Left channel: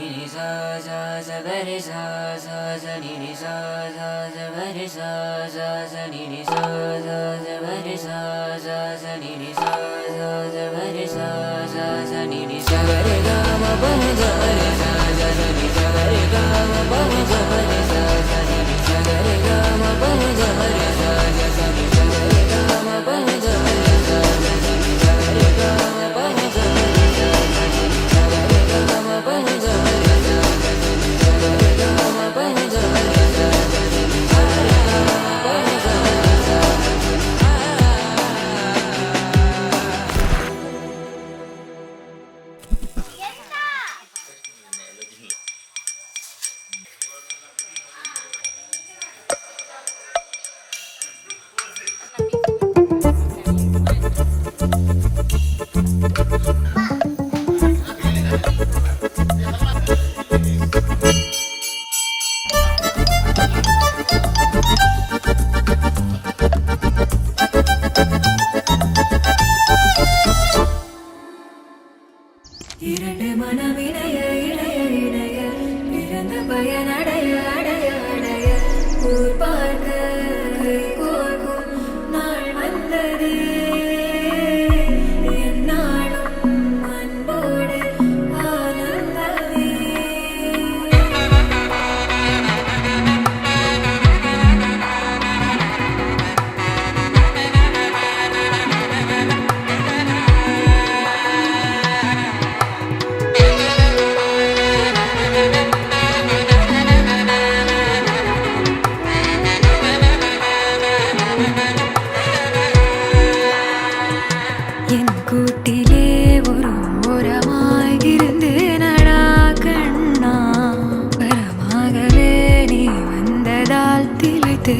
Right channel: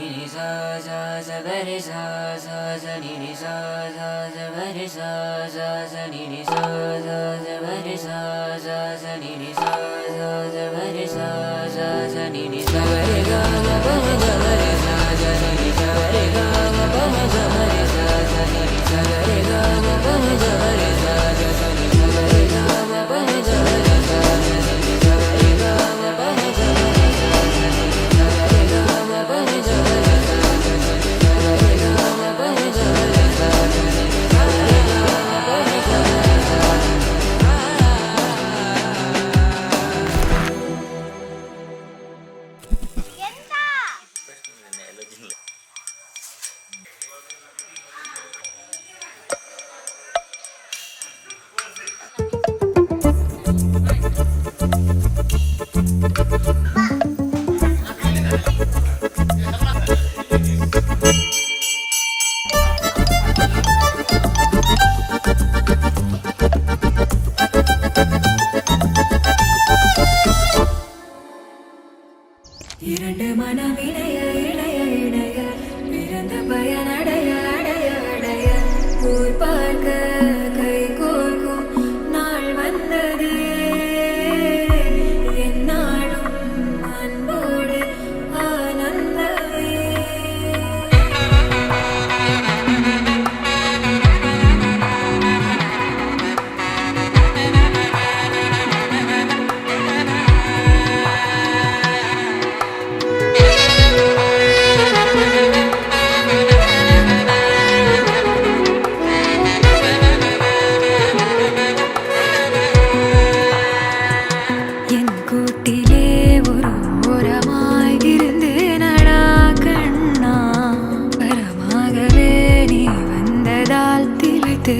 ni ni sa sa ba re sa ni ni sa ba re sa ni ni sa ba re sa ni ni sa ba re sa ni ni sa re ga ba re sa ni ni sa re ga ba re sa ni ni sa re ga ba re sa இரண்டு மனம் இணைய இணைய இணைய பிறந்த பயன் அடைய அடைய அடைய ஊர் பார்க்க கை கோர்க்கும் நாள் வந்ததே என்னாலும் அன்போடு ஆனந்தமே கூட்டிலே ஒரு ஓரமாய் இருந்து நடா கண்ணா வரமாகவே நீ வந்ததால் திளைத்து